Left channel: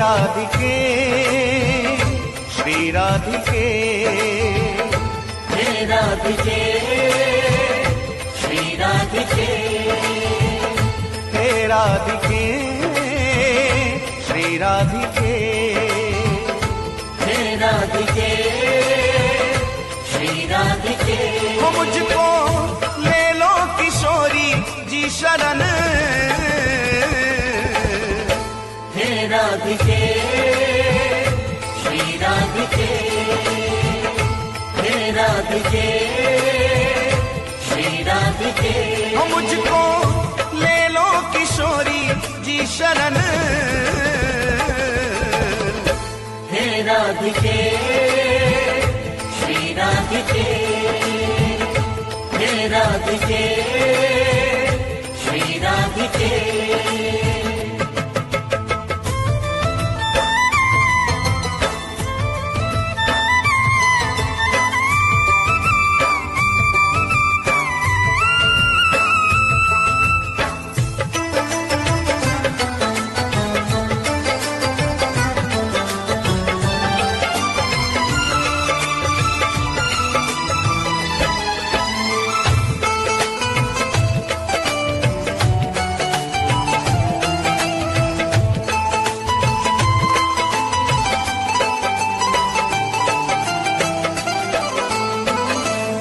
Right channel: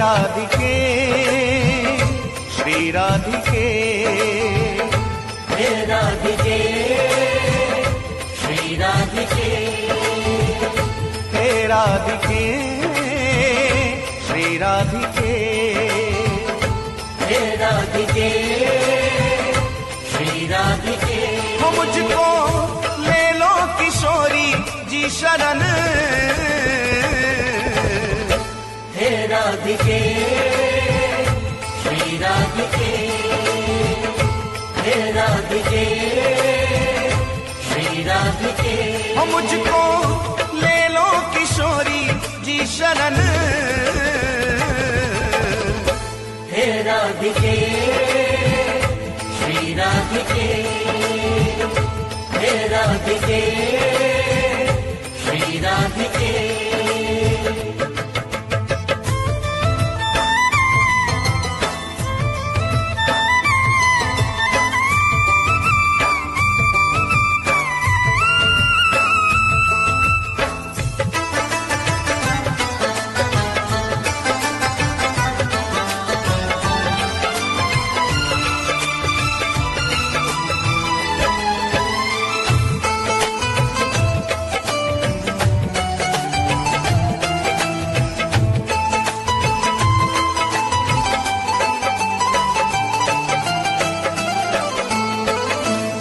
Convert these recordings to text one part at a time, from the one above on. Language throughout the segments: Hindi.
राधिके श्री राधिके हे राधिके श्री राधिके हे राधिके श्री राधिके हे राधिके श्री राधिके हो मुझको ले लो किशोरी जी शरण हे राधिके श्री राधिके हे राधिके श्री राधिके हो मुझको ले लो किशोरी जी शरण हे राधिके श्री राधिके हे राधिके श्री राधिके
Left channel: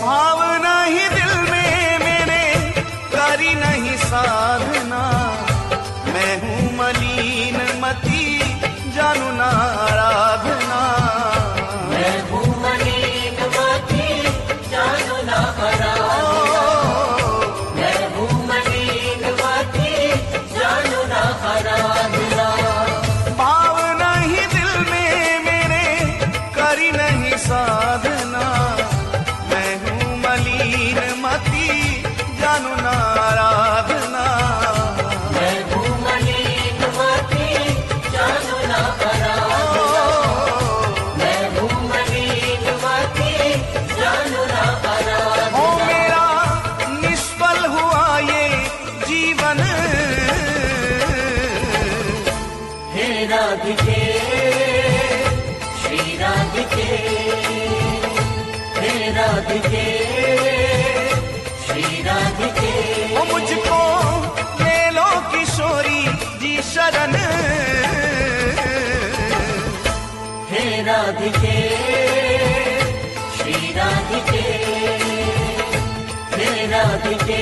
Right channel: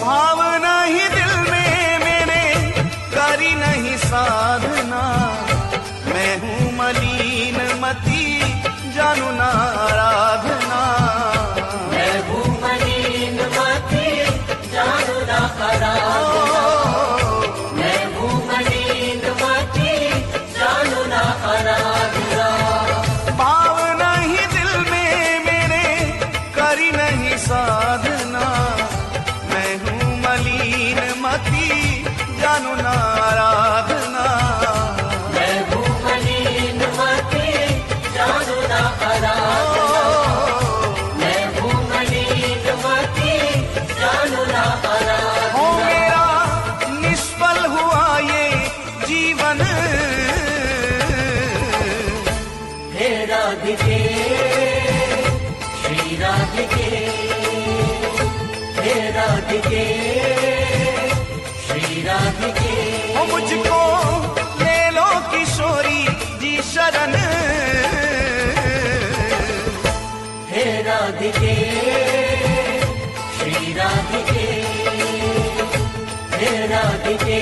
भावना ही दिल में मेरे करी नहीं साधना मैं हूँ मलिन मती जानू ना आराधना मैं हूँ मलिन मती जानू ना आराधना मैं हूँ मलिन मती जानू ना आराधना भावना ही दिल में मेरे करी नहीं साधना मैं हूँ मलिन मती जानू ना आराधना मैं हूँ मलिन मती जानू ना आराधना मैं हूँ मलिन मती जानू ना आराधना हो मेरा निष्फल हुआ ये जीवन हे राधिके श्री राधिके हे राधिके श्री राधिके हो मुझको ले लो किशोरी जी शरण हे राधिके श्री राधिके हे राधिके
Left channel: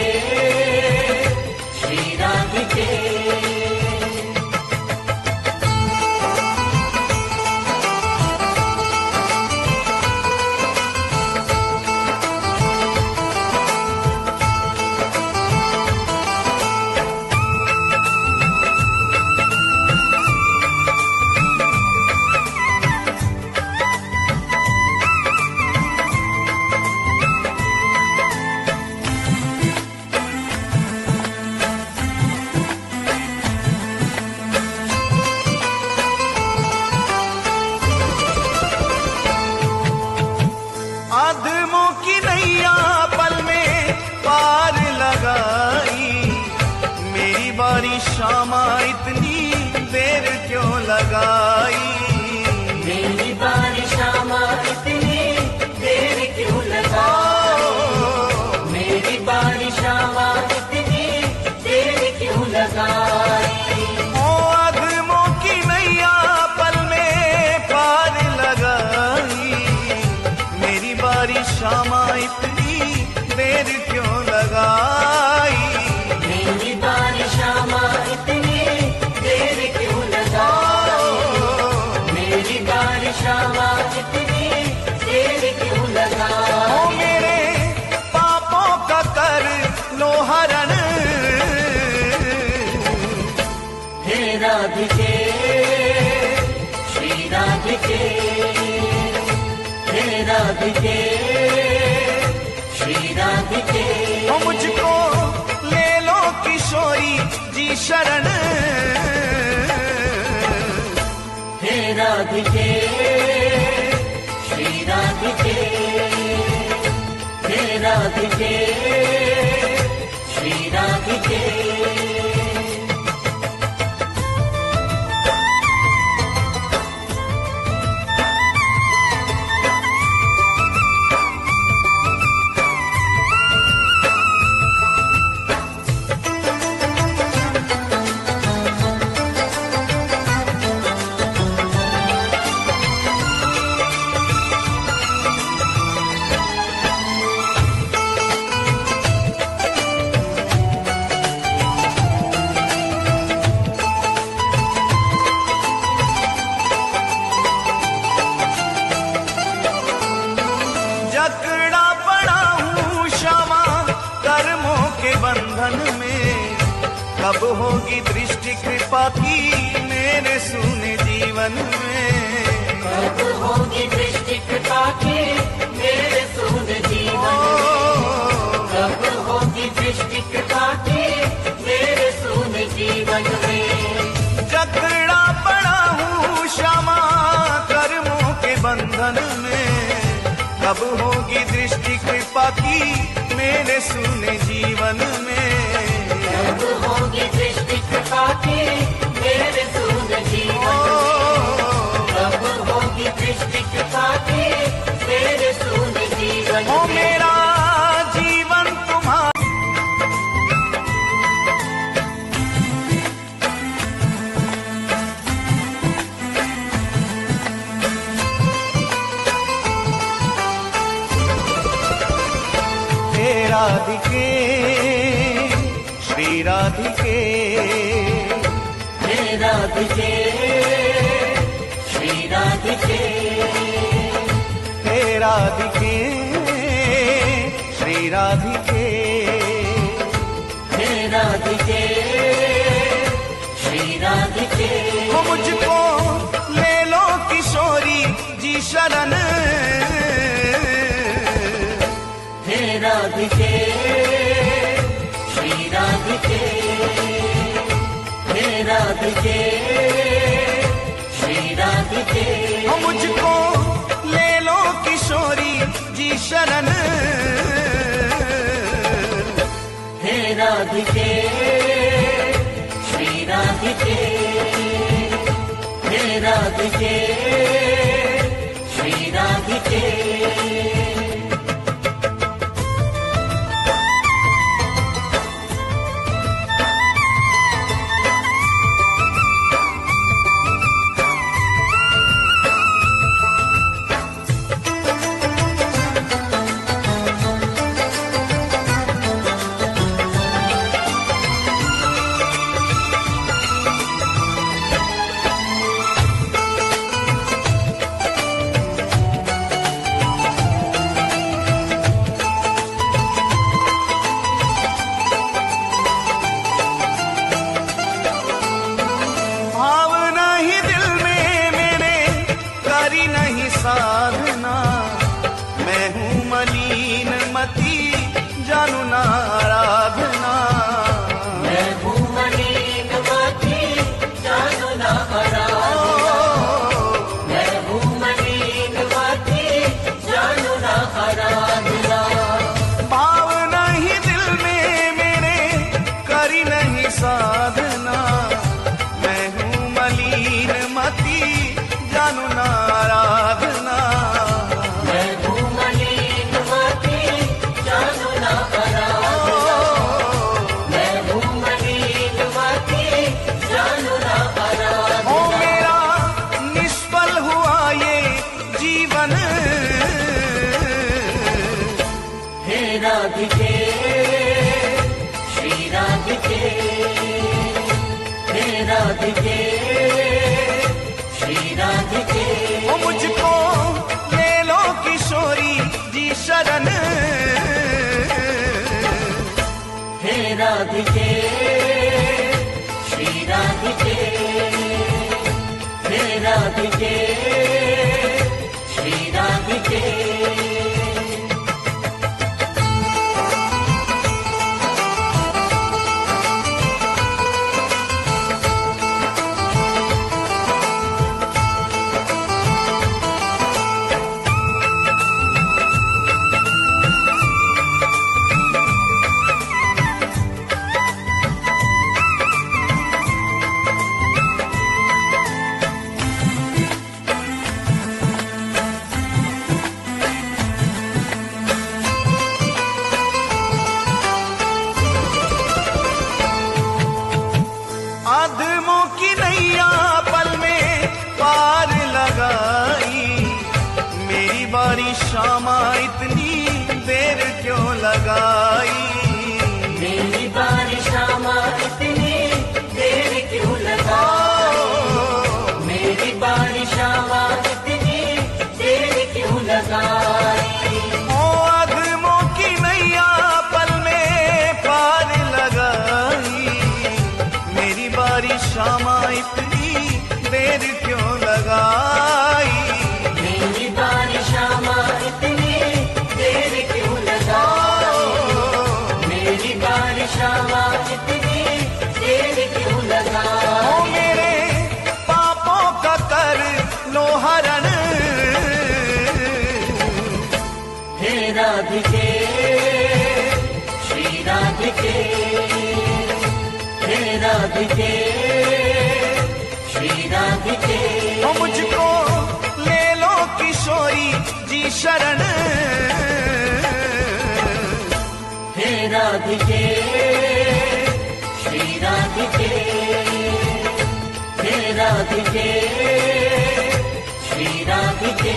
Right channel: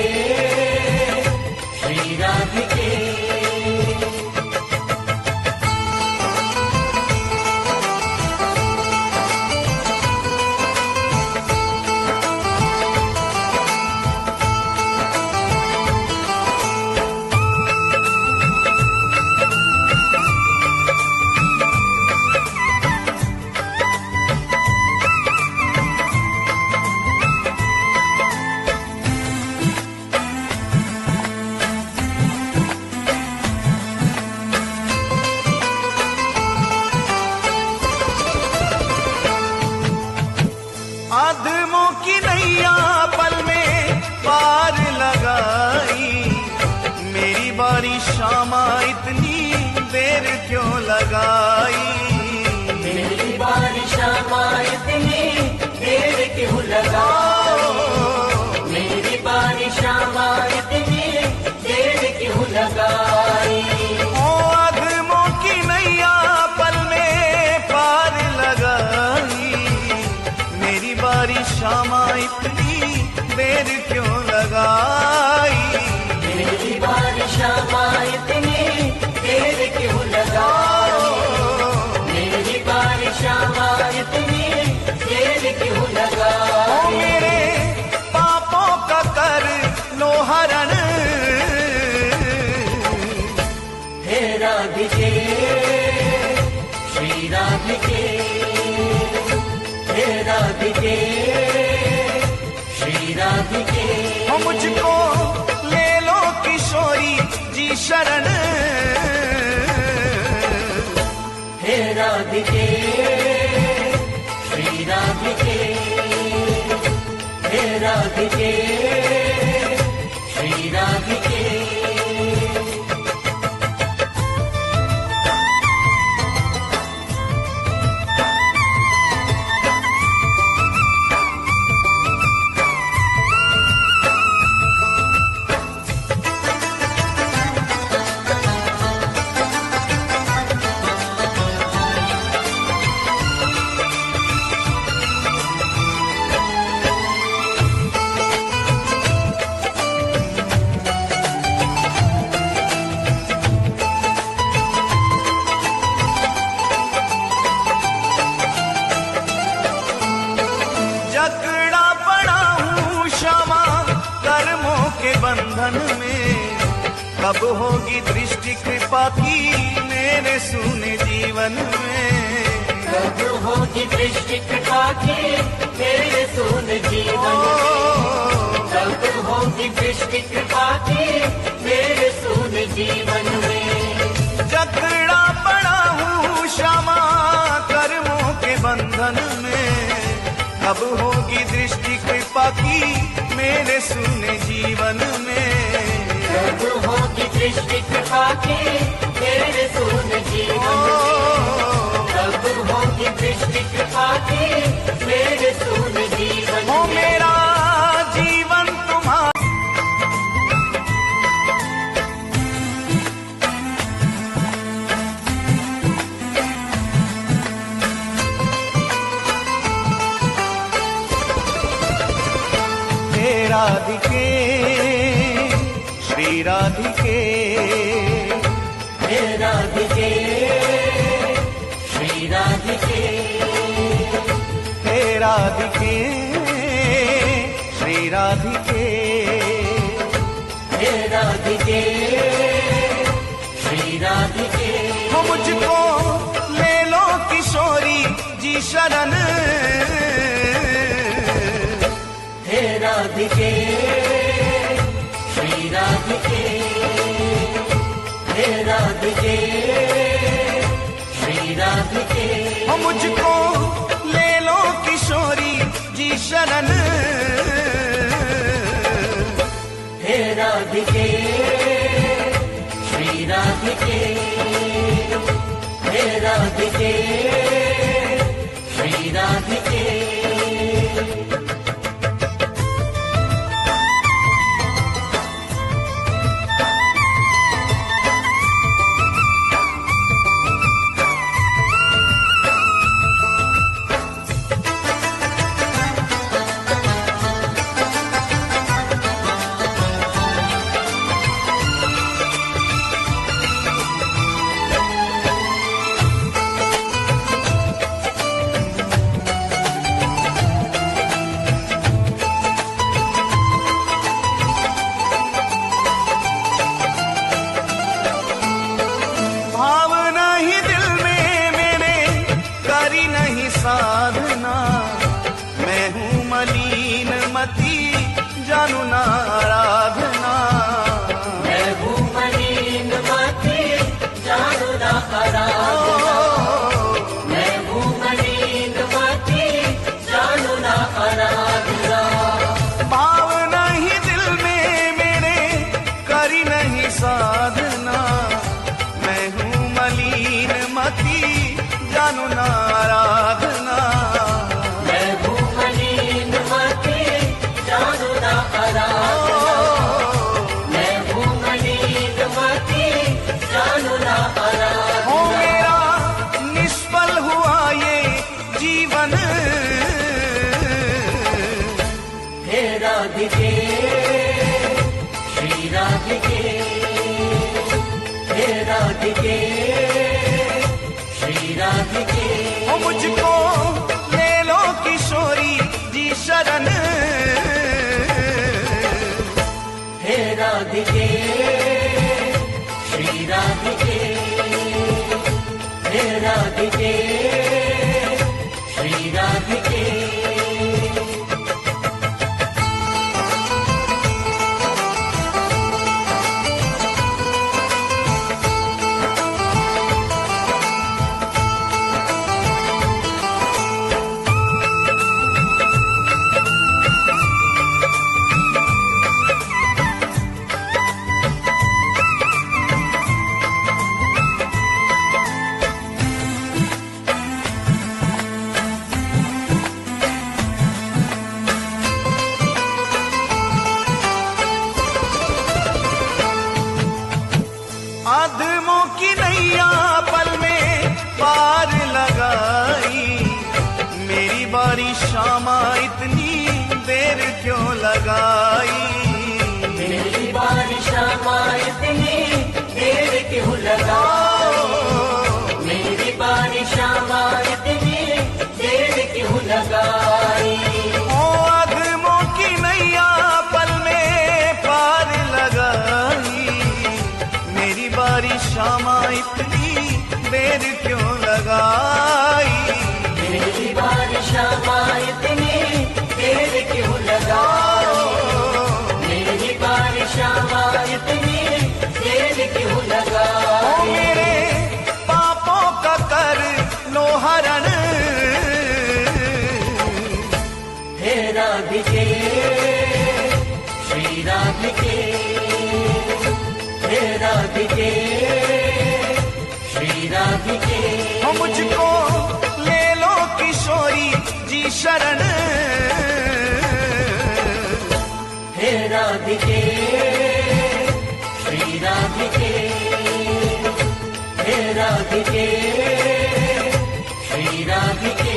श्री राधिके आदमों की नैया पल में पार लगाई मेरी बारी शामा इतनी देर क्यों लगाई मेरी बारी शामा इतनी देर क्यों लगाई मेरी बारी शामा इतनी देर क्यों लगाई ओ आदमों की नैया पल में पार लगाई मेरी बारी शामा इतनी देर क्यों लगाई मेरी बारी शामा इतनी देर क्यों लगाई मेरी बारी शामा इतनी देर क्यों लगाई ओ मेरे पापों का कर लो हरण हे राधिके श्री राधिके हे राधिके श्री राधिके हो मुझको ले लो किशोरी जी शरण हे राधिके श्री राधिके हे राधिके श्री राधिके जकड़ा पड़ा हूँ क्षमा कर्मों के बंधन में, कब होगी दृष्टि कृपा की मेरे सूने जीवन में। कब होगी दृष्टि कृपा की मेरे सूने जीवन में, कब होगी दृष्टि कृपा की मेरे सूने जीवन में। जकड़ा पड़ा हूँ क्षमा कर्मों के बंधन में, कब होगी दृष्टि कृपा की मेरे सूने जीवन में। कब होगी दृष्टि कृपा की मेरे सूने जीवन में, कब होगी दृष्टि कृपा की मेरे सूने जीवन में। हो मेरा जीवन तुम्हारा हे राधिके श्री राधिके, हे राधिके श्री राधिके, हे राधिके श्री राधिके, हे राधिके श्री राधिके। हो मुझको ले लो किशोरी जी शरण, हे राधिके श्री राधिके, हे राधिके श्री राधिके। हो मुझको ले लो किशोरी जी शरण, हे राधिके श्री राधिके, हे राधिके श्री राधिके। भावना ही दिल में मेरे करी नहीं साधना, मैं हूँ मलिन मती जानू ना आराधना। मैं हूँ मलिन मती जानू ना आराधना, मैं हूँ मलिन मती जानू ना आराधना। भावना ही दिल में मेरे करी नहीं साधना, मैं हूँ मलिन मती जानू ना आराधना। मैं हूँ मलिन मती जानू ना आराधना, मैं हूँ मलिन मती जानू ना आराधना। हो मेरा निष्फल हुआ ये जीवन, हे राधिके श्री राधिके, हे राधिके श्री राधिके। हो मुझको ले लो किशोरी जी शरण, हे राधिके श्री राधिके, हे राधिके श्री राधिके। आदमों की नैया पल में पार लगाई, मेरी बारी शामा इतनी देर क्यों लगाई। मेरी बारी शामा इतनी देर क्यों लगाई, मेरी बारी शामा इतनी देर क्यों लगाई। ओ देर क्यों लगाई। मेरी बारिशा माँ इतनी देर क्यों लगाई। मेरी बारिशा माँ इतनी देर क्यों लगाई। ओ मेरे पापों का कर लो हरण, हे राधिके श्री राधिके, हे राधिके श्री राधिके। ओ मुझको ले लो किशोरी जी शरण, हे राधिके श्री राधिके, हे राधिके श्री राधिके।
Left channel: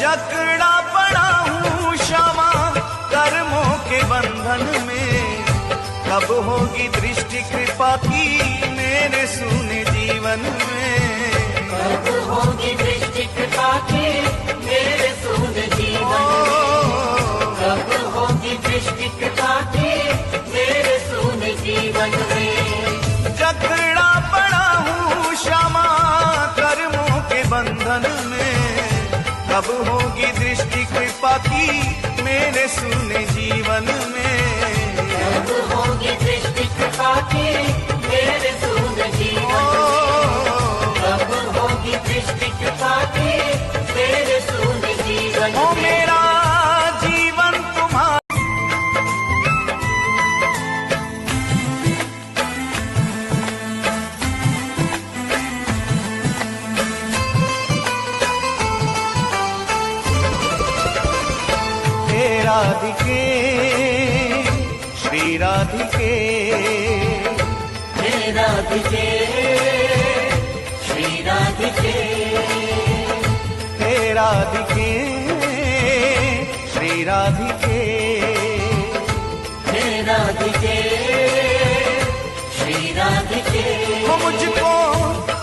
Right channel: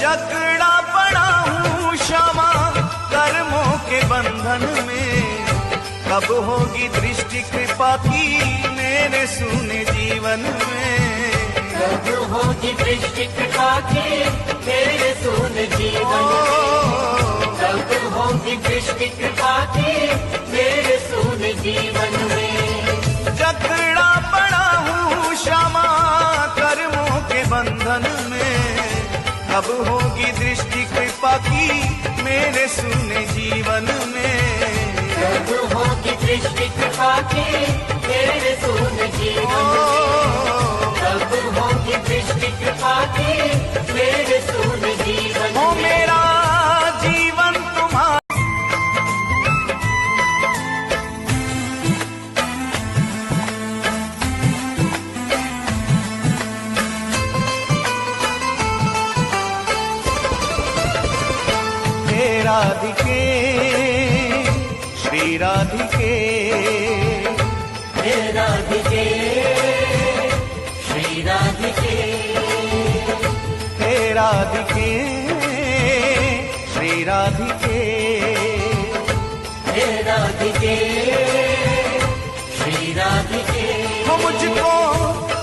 जकड़ा पड़ा हूँ क्षमा कर्मों के बंधन में, कब होगी दृष्टि कृपा की मेरे सूने जीवन में। कब होगी दृष्टि कृपा की मेरे सूने जीवन में। कब होगी दृष्टि कृपा की मेरे सूने जीवन में। जकड़ा पड़ा हूँ क्षमा कर्मों के बंधन में, कब होगी दृष्टि कृपा की मेरे सूने जीवन में। कब होगी दृष्टि कृपा की मेरे सूने जीवन में। कब होगी दृष्टि कृपा की मेरे सूने जीवन ओ में। मेरा जीवन तुम्हारा हे राधिके श्री राधिके, हे राधिके श्री राधिके, हे राधिके श्री राधिके। हे राधिके श्री राधिके। हो मुझको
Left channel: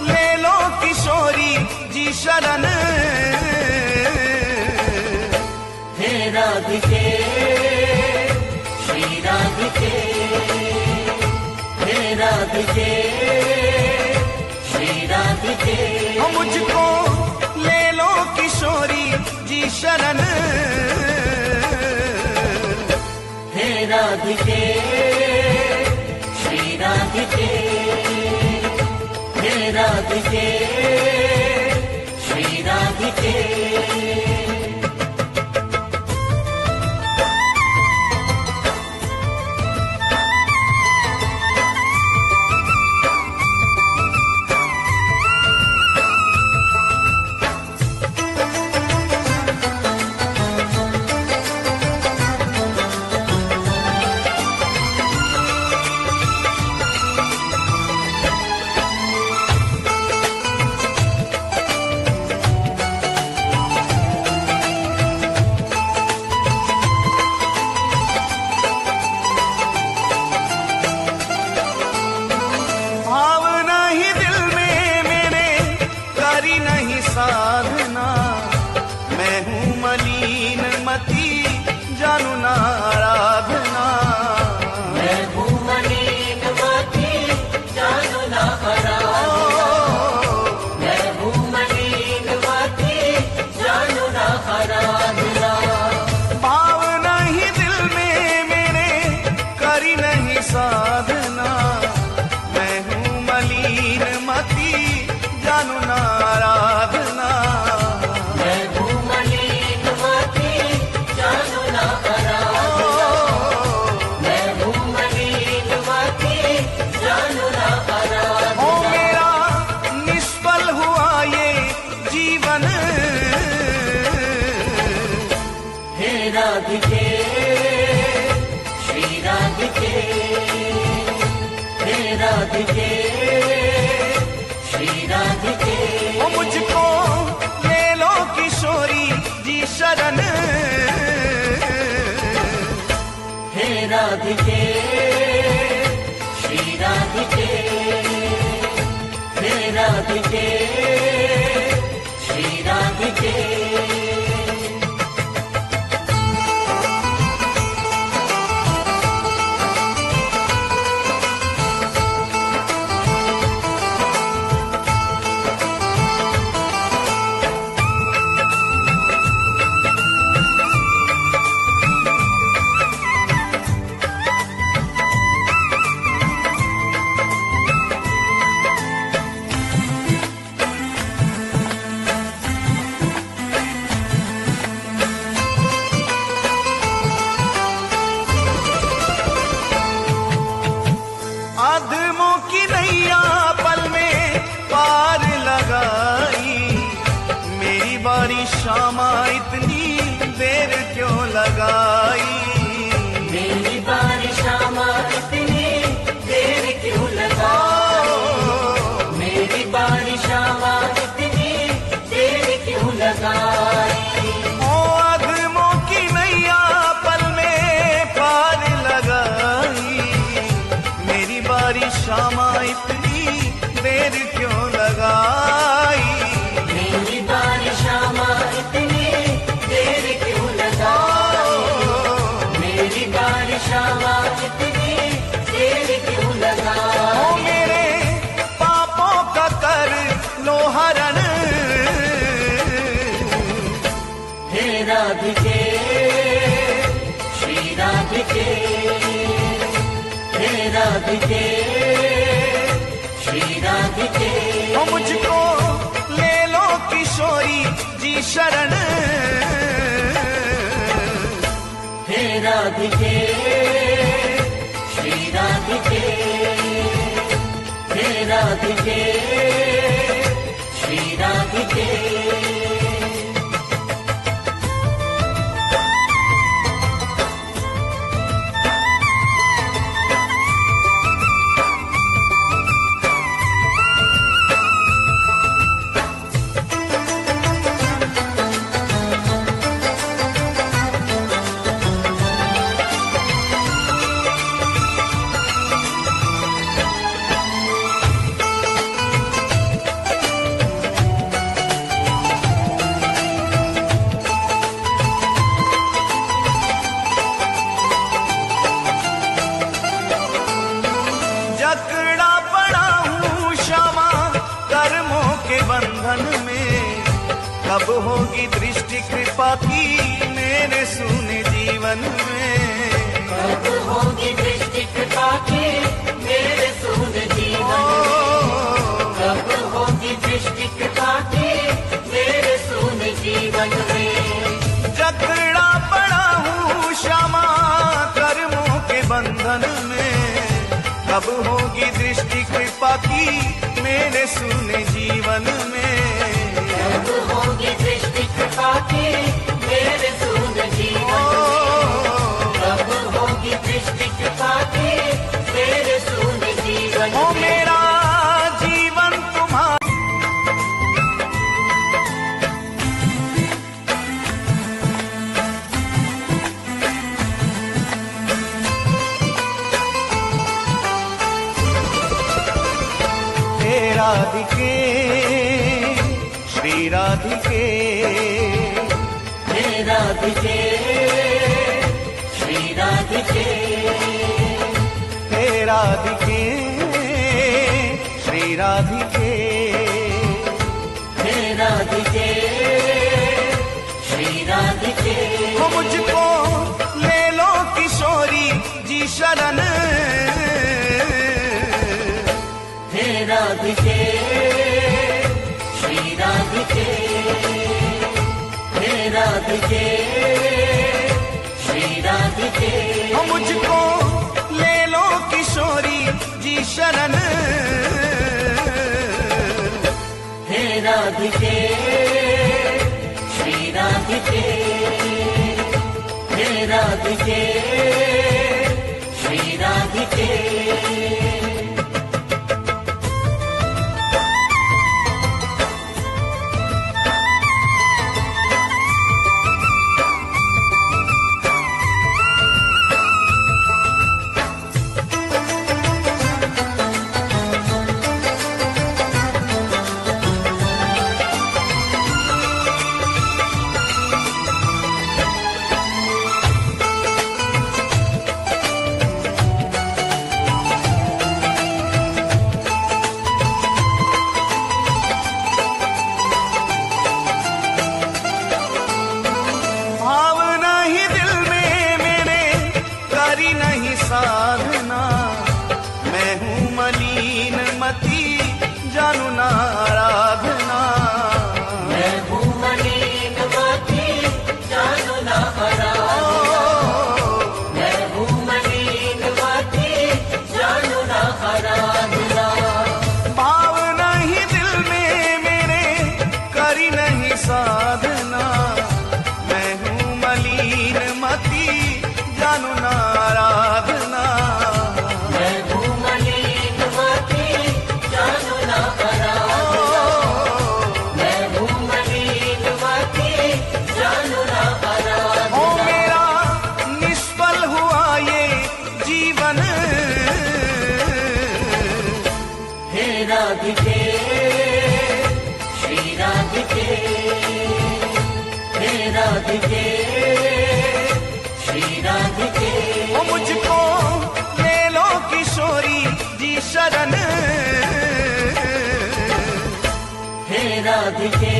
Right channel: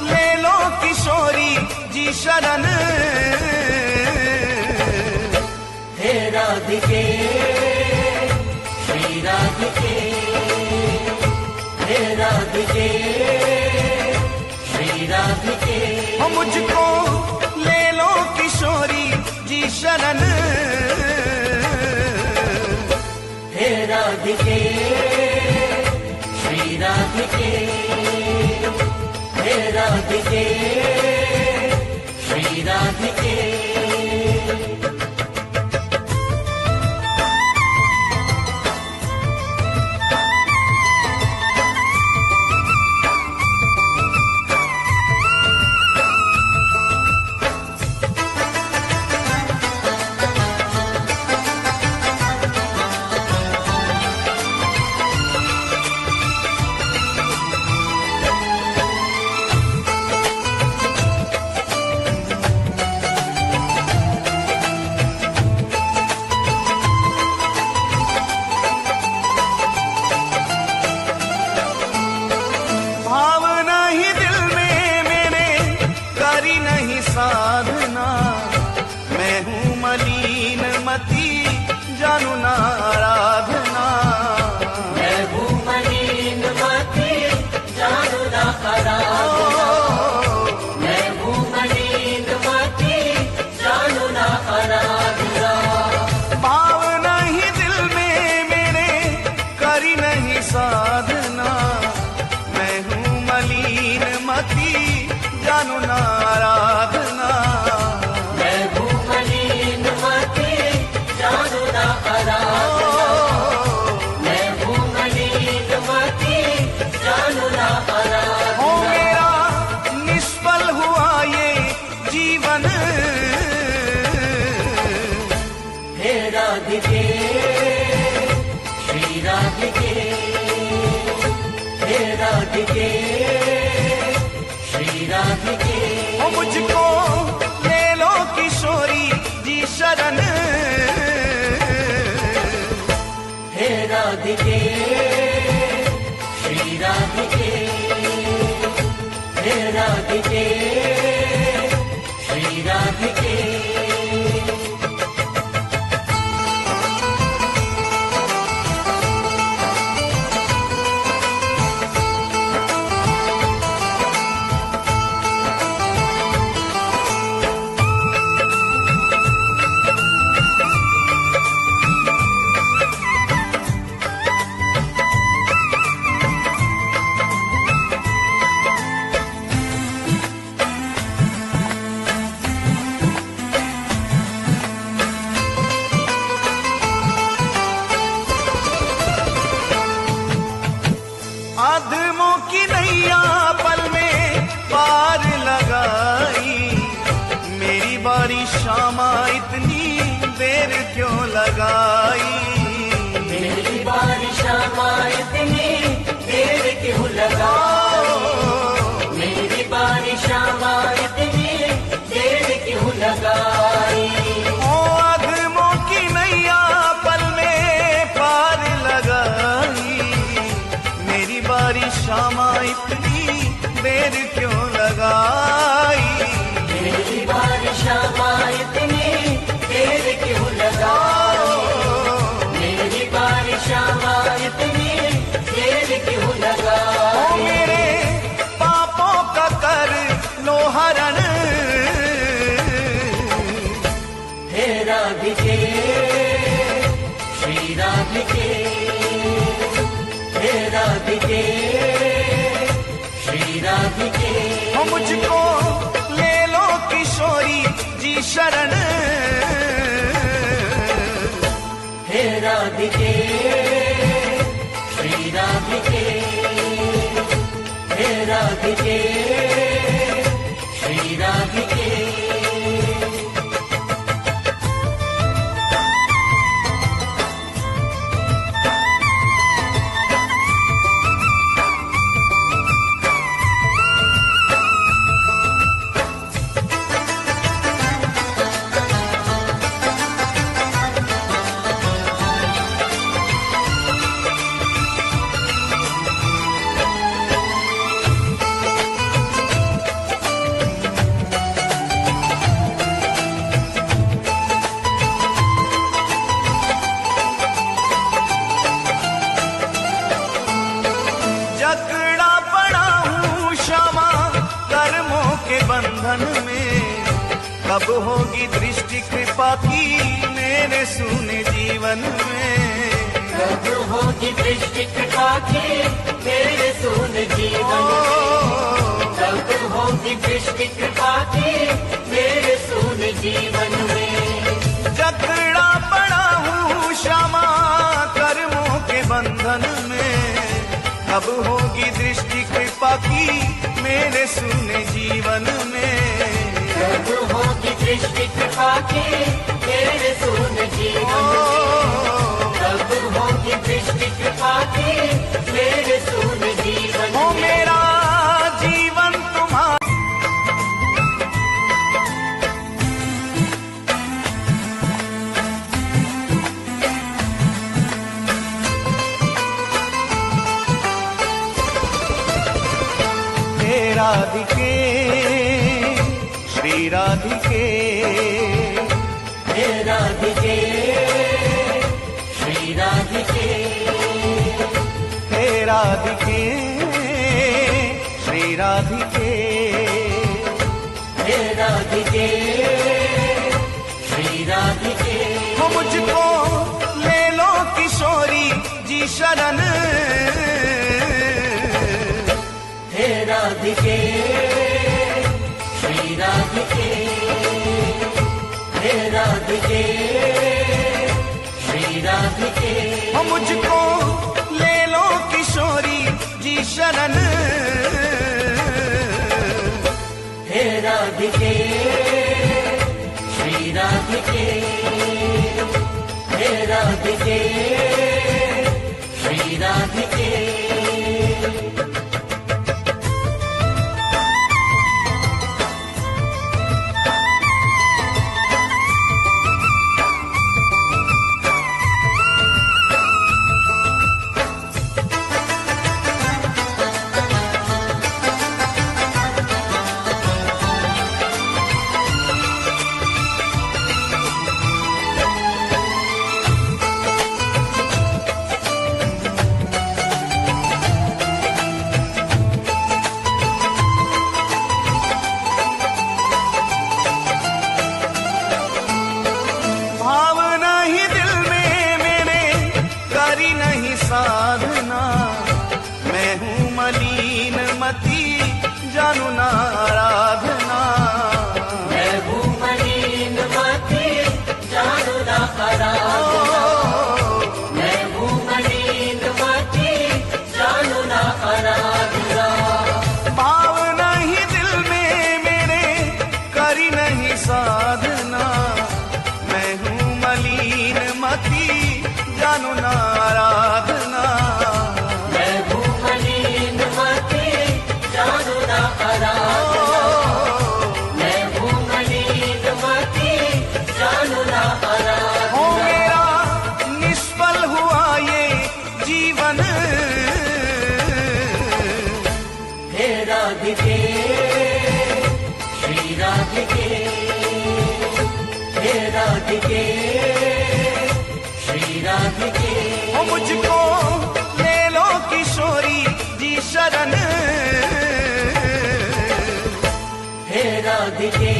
ले लो किशोरी जी शरण, हे राधिके श्री राधिके, हे राधिके श्री राधिके। हो मुझको ले लो किशोरी जी शरण, हे राधिके श्री राधिके, हे राधिके श्री राधिके। भावना ही दिल में मेरे करी नहीं साधना, मैं हूँ मलिन मती जानू ना आराधना। मैं हूँ मलिन मती जानू ना आराधना। मैं हूँ मलिन मती जानू ना आराधना। भावना ही दिल में मेरे करी नहीं साधना, मैं हूँ मलिन मती जानू ना आराधना। मैं हूँ मलिन मती जानू ना आराधना। मैं हूँ मलिन मती जानू ना आराधना। ओ मेरा निष्फल हुआ ये जीवन, हे राधे शरण। हे राधिके श्री राधिके, हे राधिके श्री राधिके। अधमों की नैया पल में पार लगाई, मेरी बारी शामा इतनी देर क्यों लगाई। मेरी बारी शामा इतनी देर क्यों लगाई, मेरी बारी शामा इतनी देर क्यों लगाई। ओ अधमों की नैया पल में पार लगाई, मेरी बारी शामा इतनी देर क्यों लगाई। मेरी बारी शामा इतनी देर क्यों लगाई, मेरी बारी शामा इतनी देर क्यों लगाई। ओ मेरे पापों का कर लो हरण। हे राधिके श्री राधिके, हे राधिके श्री राधिके। हो मुझको ले लो किशोरी जी शरण। हे राधिके श्री राधिके, हे राधिके श्री राधिके। जकड़ा पड़ा हूँ क्षमा कर्मों के बंधन में, कब होगी दृष्टि कृपा की मेरे सूने जीवन में। कब होगी दृष्टि कृपा की मेरे सूने जीवन में, कब होगी दृष्टि कृपा की मेरे सूने जीवन में। जकड़ा पड़ा हूँ क्षमा कर्मों के बंधन में, कब होगी दृष्टि कृपा की मेरे सूने जीवन में। कब होगी दृष्टि कृपा की मेरे सूने जीवन में, कब होगी दृष्टि कृपा की मेरे सूने जीवन हो में। मेरा जीवन तुम्हारा हे राधिके श्री राधिके, हे राधिके श्री राधिके, हे राधिके श्री राधिके। हे राधिके श्री राधिके। हो मुझको ले लो किशोरी जी शरण। हे राधिके श्री राधिके, हे राधिके श्री राधिके। हो मुझको ले लो किशोरी जी शरण। हे राधिके श्री राधिके, हे राधिके श्री राधिके। नहीं साधना, मैं हूँ मलिन मती जानू ना आराधना। मैं हूँ मलिन मती जानू ना आराधना। मैं हूँ मलिन मती जानू ना आराधना। भाव नहीं दिल में मेरे करी नहीं साधना, मैं हूँ मलिन मती जानू ना आराधना। मैं हूँ मलिन मती जानू ना आराधना। मैं हूँ मलिन मती जानू ना आराधना। ओ मेरा निष्फल हुआ ये जीवन, हे राधिके श्री राधिके, हे राधिके श्री राधिके। ओ मुझको ले लो किशोरी जी शरण, हे राधिके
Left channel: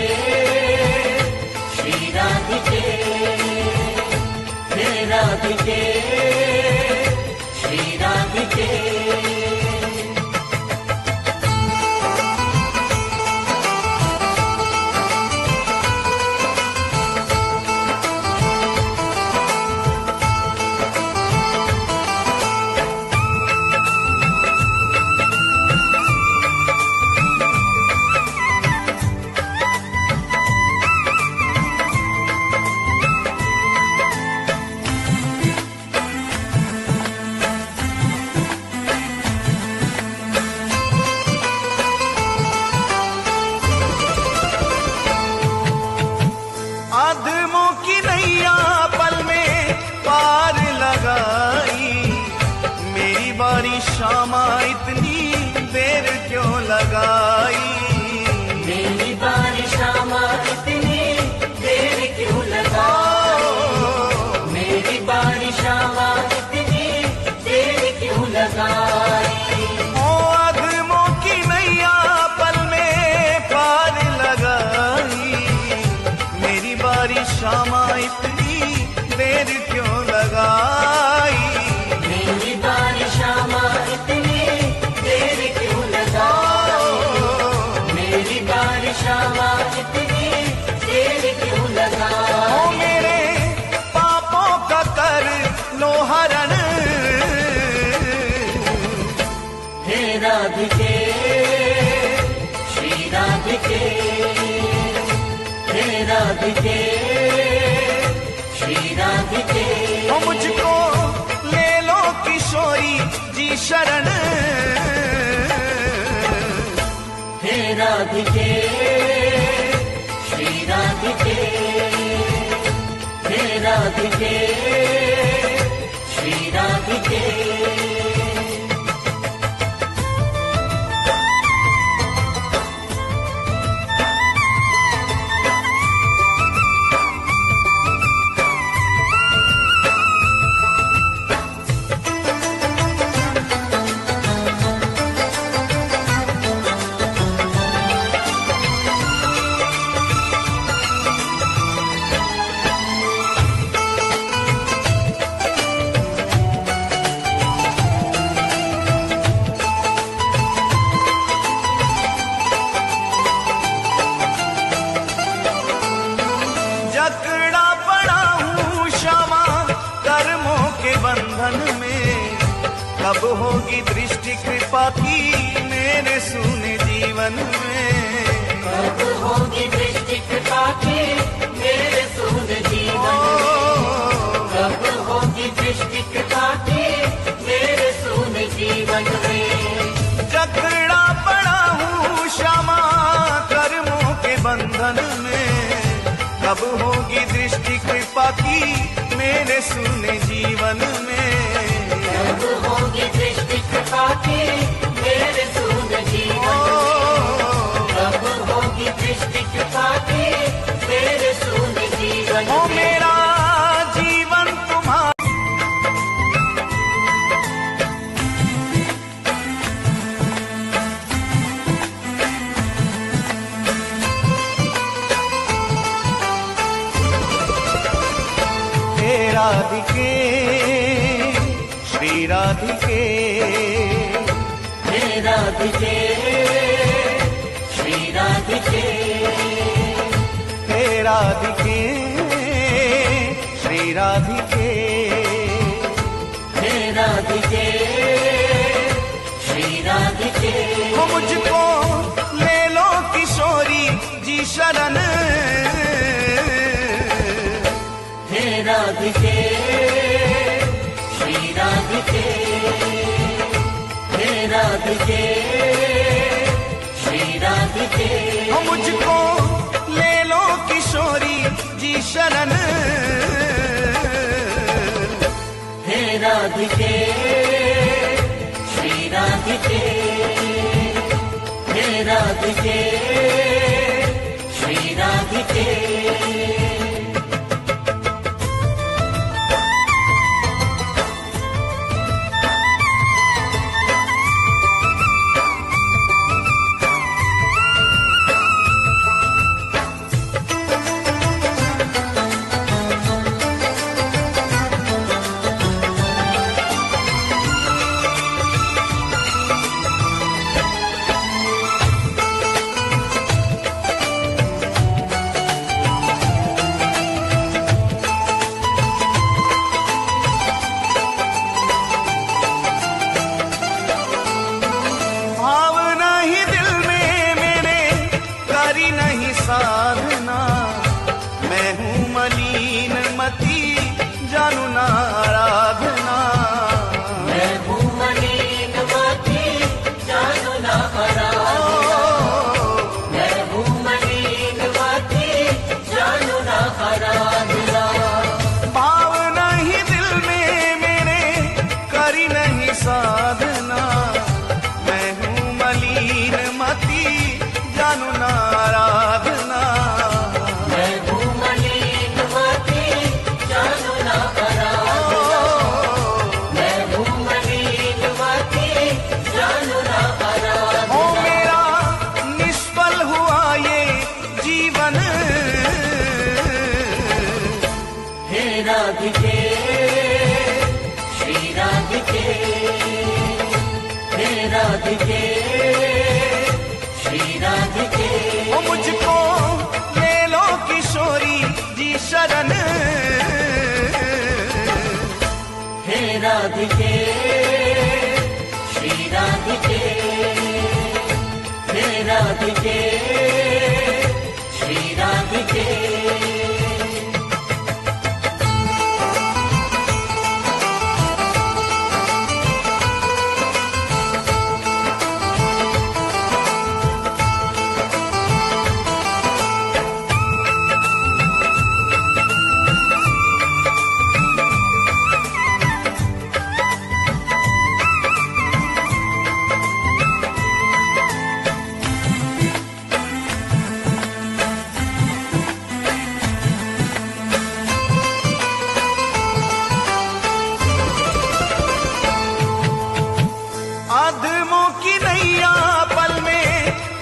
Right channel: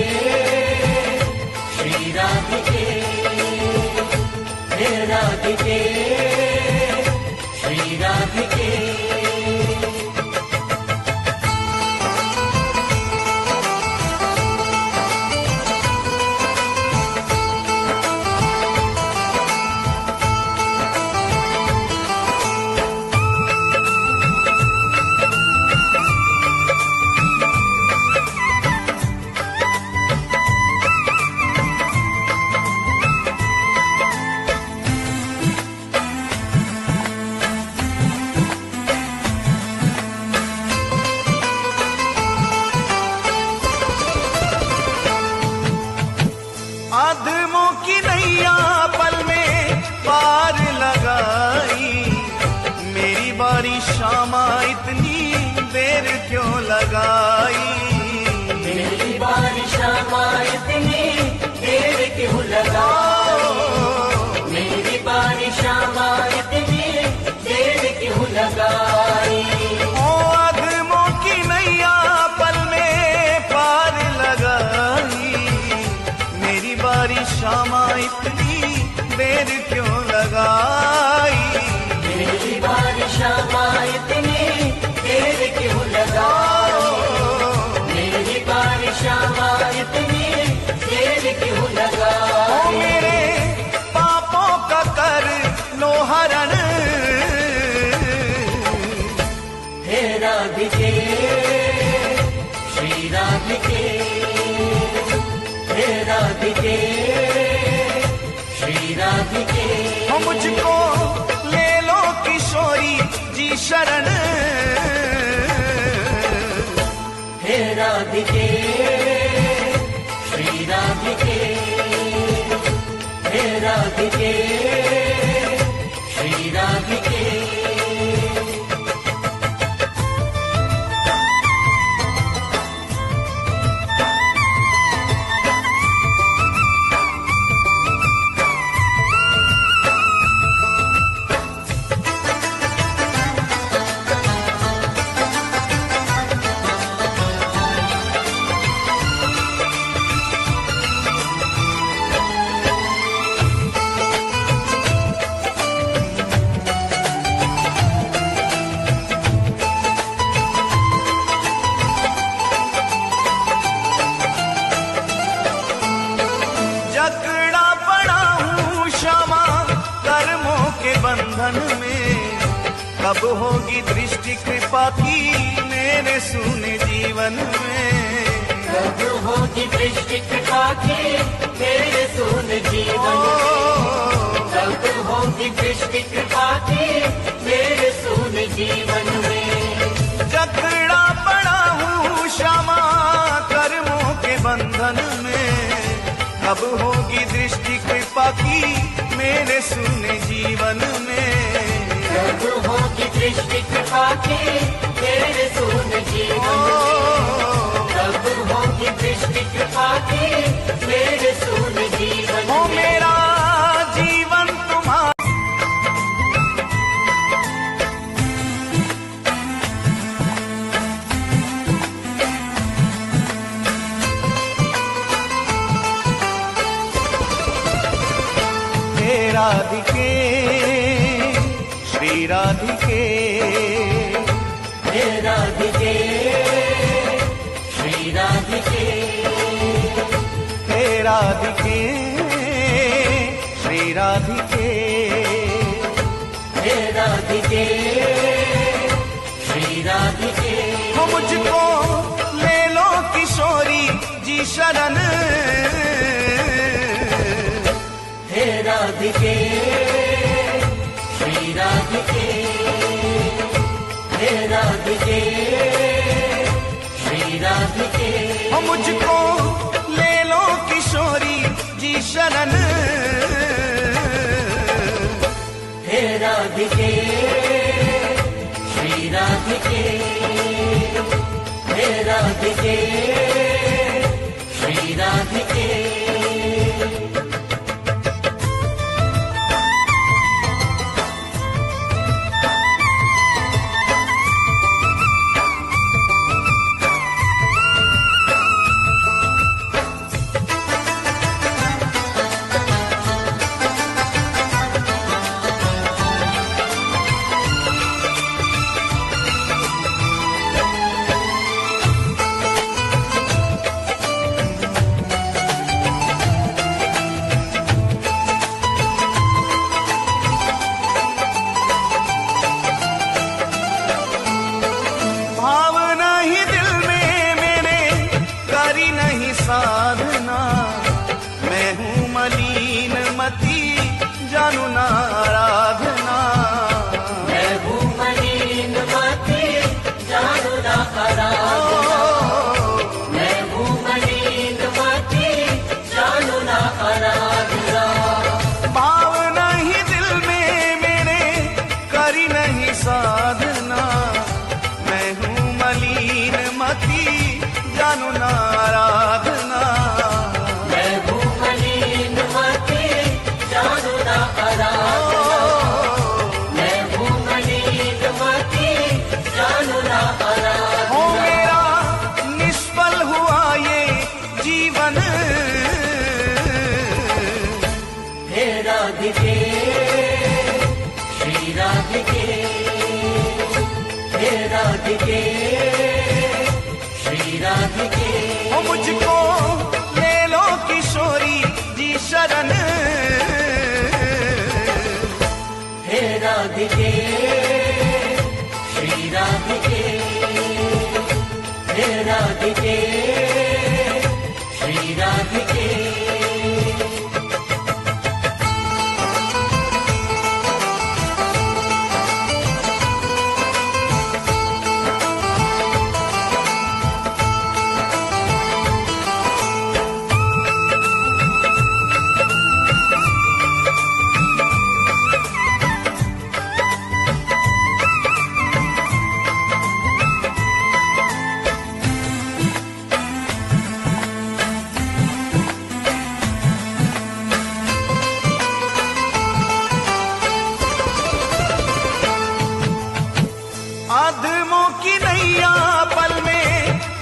श्री राधिके, हे राधिके श्री राधिके। आदमों की नैया पल में पार लगाई, मेरी बारी शामा इतनी देर क्यों लगाई। मेरी बारी शामा इतनी देर क्यों लगाई। मेरी बारी शामा इतनी देर क्यों लगाई। ओ आदमों की नैया पल में पार लगाई, मेरी बारी शामा इतनी देर क्यों लगाई। मेरी बारी शामा इतनी देर क्यों लगाई। मेरी बारी शामा इतनी देर क्यों लगाई। ओ मेरे पापों का कर लो हरण, हे राधिके श्री राधिके, हे राधिके श्री राधिके। ओ मुझको ले लो किशोरी जी शरण, हे राधिके श्री राधिके, हे राधिके श्री राधिके। जकड़ा पड़ा हूँ क्षमा कर्मों के बंधन में, कब होगी दृष्टि कृपा की मेरे सूने जीवन में। कब होगी दृष्टि कृपा की मेरे सूने जीवन में। कब होगी दृष्टि कृपा की मेरे सूने जीवन में। जकड़ा पड़ा हूँ क्षमा कर्मों के बंधन में, कब होगी दृष्टि कृपा की मेरे सूने जीवन में। कब होगी दृष्टि कृपा की मेरे सूने जीवन में। कब होगी दृष्टि कृपा की मेरे सूने जीवन में। ओ मेरा जीवन तुम्हारा हे राधिके श्री राधिके, हे राधिके, श्री राधिके, हे राधिके, श्री राधिके, हे राधिके, श्री राधिके। हो मुझको ले लो किशोरी जी शरण, हे राधिके, श्री राधिके, हे राधिके, श्री राधिके। हो मुझको ले लो किशोरी जी शरण, हे राधिके, श्री राधिके, हे राधिके, श्री राधिके। भावना ही दिल में मेरे करी नहीं साधना, मैं हूँ मलिन मती जानू ना आराधना, मैं हूँ मलिन मती जानू ना आराधना, मैं हूँ मलिन मती जानू ना आराधना। भावना ही दिल में मेरे करी नहीं साधना, मैं हूँ मलिन मती जानू ना आराधना, मैं हूँ मलिन मती जानू ना आराधना, मैं हूँ मलिन मती जानू ना आराधना। हो मेरा निष्फल हुआ ये जीवन, हे राधिके, श्री राधिके, हे राधिके, श्री राधिके। हो मुझको ले लो किशोरी जी शरण, हे राधिके, श्री राधिके, हे राधिके, श्री राधिके। आदमों की नैया पल में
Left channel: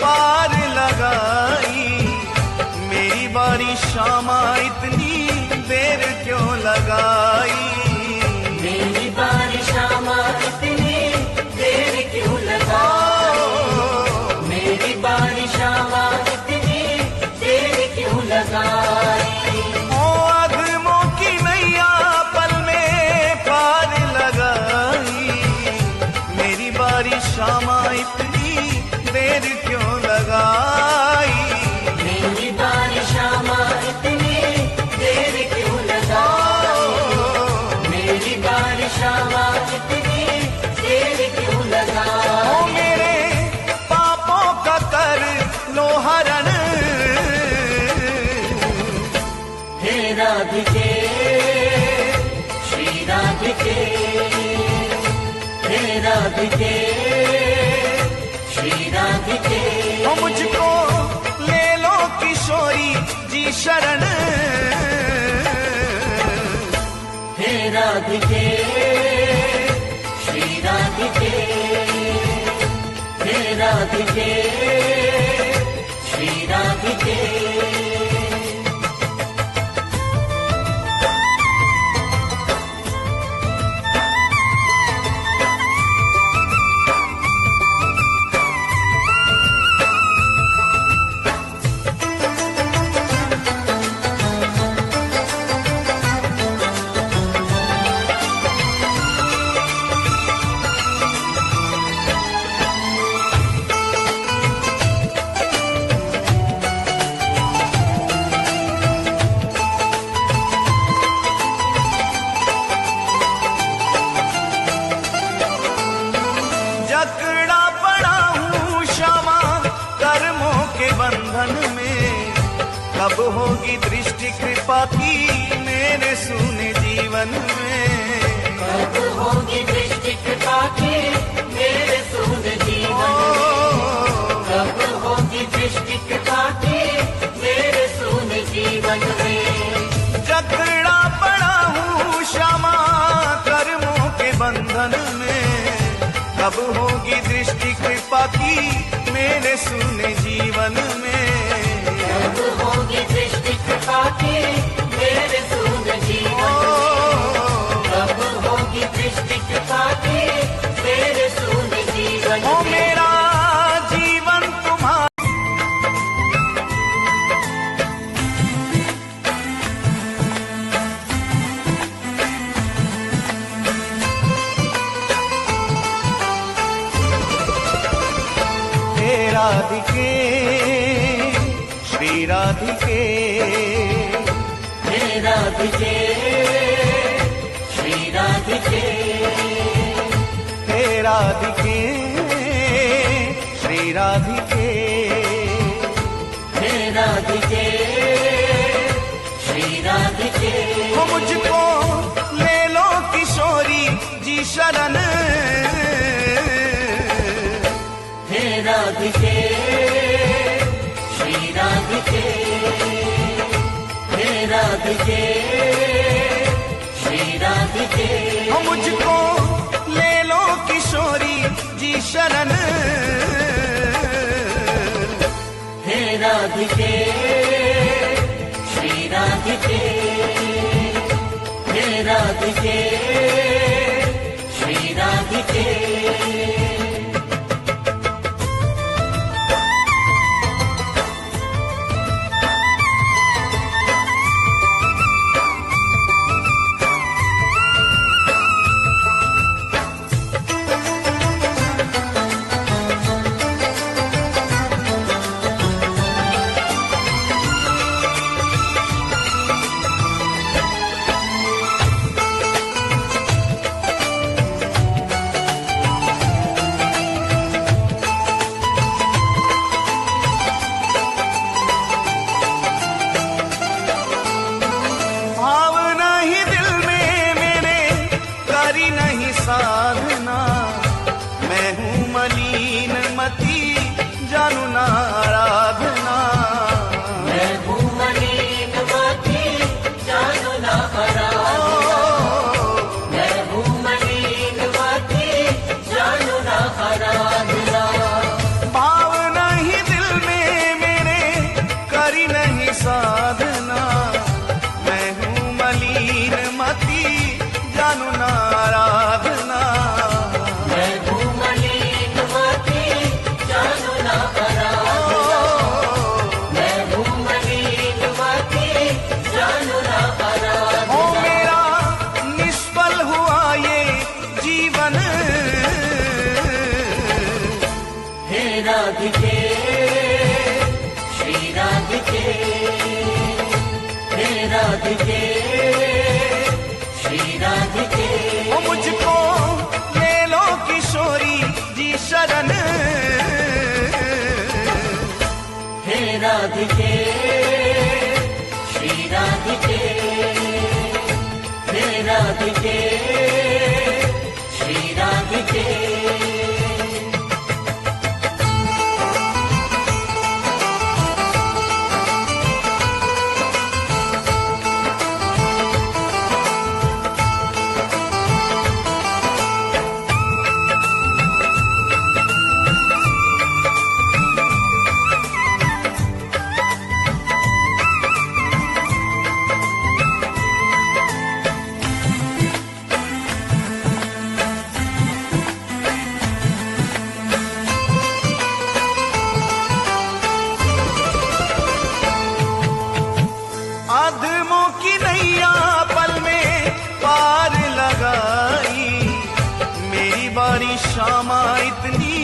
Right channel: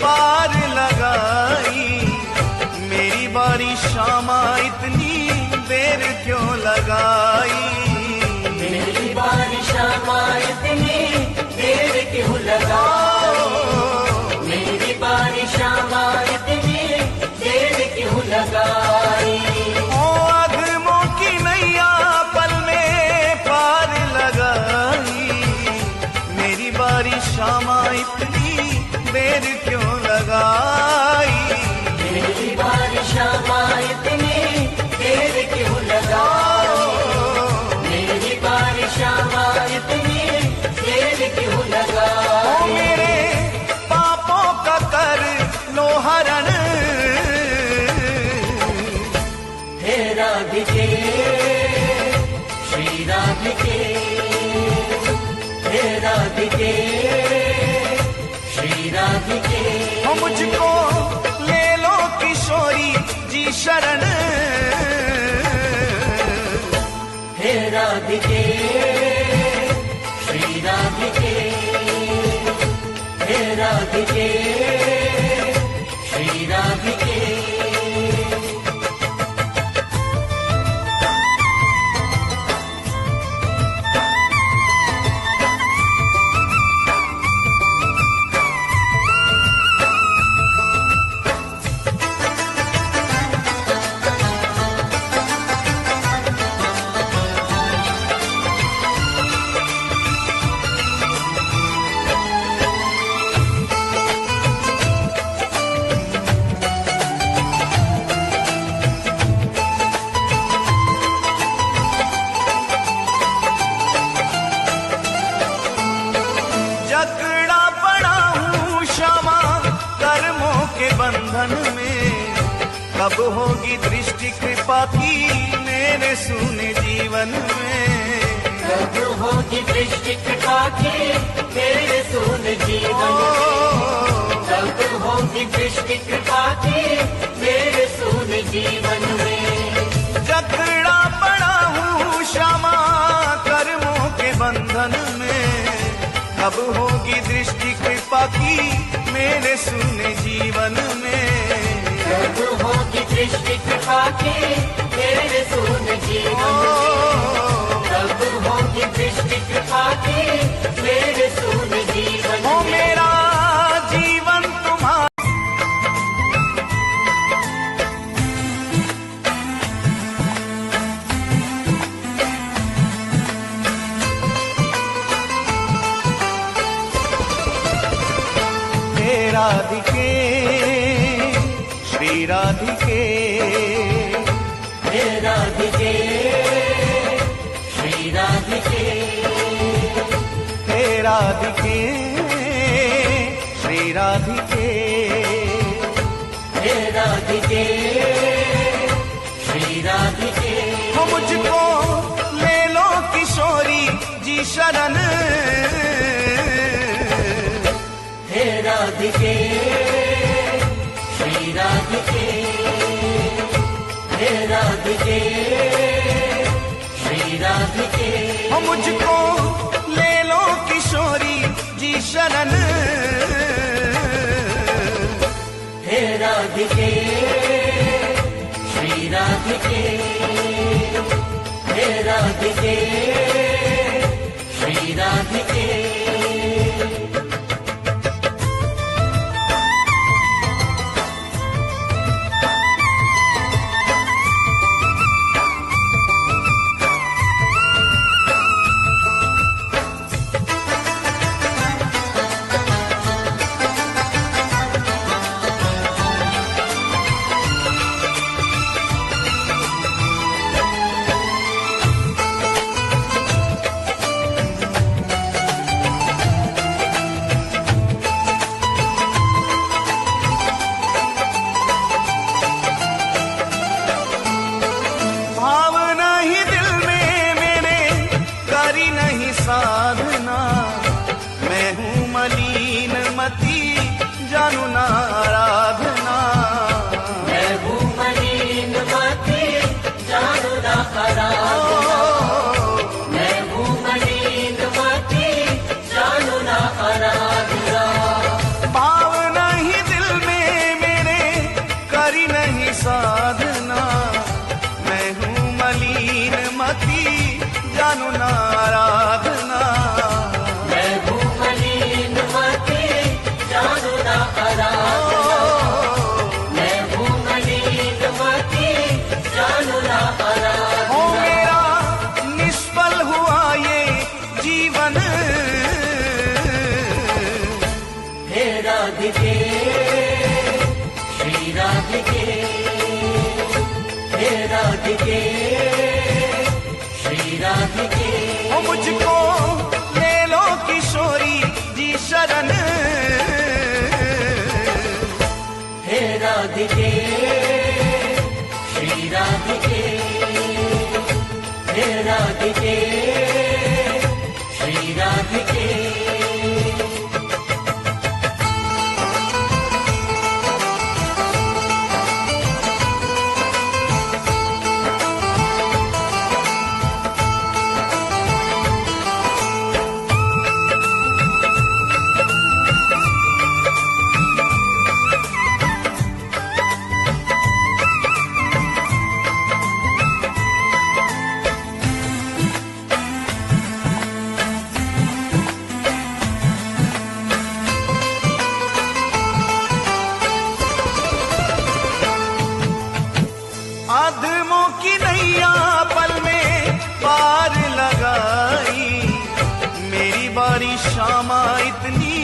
पार लगाई, मेरी बारी शामा इतनी देर क्यों लगाई, मेरी बारी शामा इतनी देर क्यों लगाई, मेरी बारी शामा इतनी देर क्यों लगाई। ओ आदमों की नैया पल में पार लगाई, मेरी बारी शामा इतनी देर क्यों लगाई, मेरी बारी शामा इतनी देर क्यों लगाई, मेरी बारी शामा इतनी देर क्यों लगाई। ओ मेरे पापों का कर लो हरण, हे राधिके, श्री राधिके, हे राधिके, श्री राधिके। हो मुझको ले लो किशोरी जी शरण, हे राधिके, श्री राधिके, हे राधिके, श्री राधिके। जकड़ा पड़ा हूँ क्षमा कर्मों के बंधन में, कब होगी दृष्टि कृपा की मेरे सूने जीवन में। कब होगी दृष्टि कृपा की मेरे सूने जीवन में, कब होगी दृष्टि कृपा की मेरे सूने जीवन में। जकड़ा पड़ा हूँ क्षमा कर्मों के बंधन में, कब होगी दृष्टि कृपा की मेरे सूने जीवन में। कब होगी दृष्टि कृपा की मेरे सूने जीवन में, कब होगी दृष्टि कृपा की मेरे सूने जीवन में। ओ मेरा जीवन तुम्हारा हे राधिके श्री राधिके, हे राधिके श्री राधिके, हे राधिके श्री राधिके, हे राधिके श्री राधिके। हो मुझको ले लो किशोरी जी शरण, हे राधिके श्री राधिके, हे राधिके श्री राधिके। हो मुझको ले लो किशोरी जी शरण, हे राधिके श्री राधिके, हे राधिके श्री राधिके। भावना ही दिल में मेरे करी नहीं साधना, मैं हूँ मलिन मती जानू ना आराधना। मैं हूँ मलिन मती जानू ना आराधना, मैं हूँ मलिन मती जानू ना आराधना। भावना ही दिल में मेरे करी नहीं साधना, मैं हूँ मलिन मती जानू ना आराधना। मैं हूँ मलिन मती जानू ना आराधना, मैं हूँ मलिन मती जानू ना आराधना। ओ मेरा निष्फल हुआ ये जीवन, हे राधिके श्री राधिके, हे राधिके श्री राधिके। ओ मुझको ले लो किशोरी जी शरण, हे राधिके श्री राधिके, हे राधिके श्री राधिके। आदमों की नैया पल में पार लगाई, मेरी बारी शामा इतनी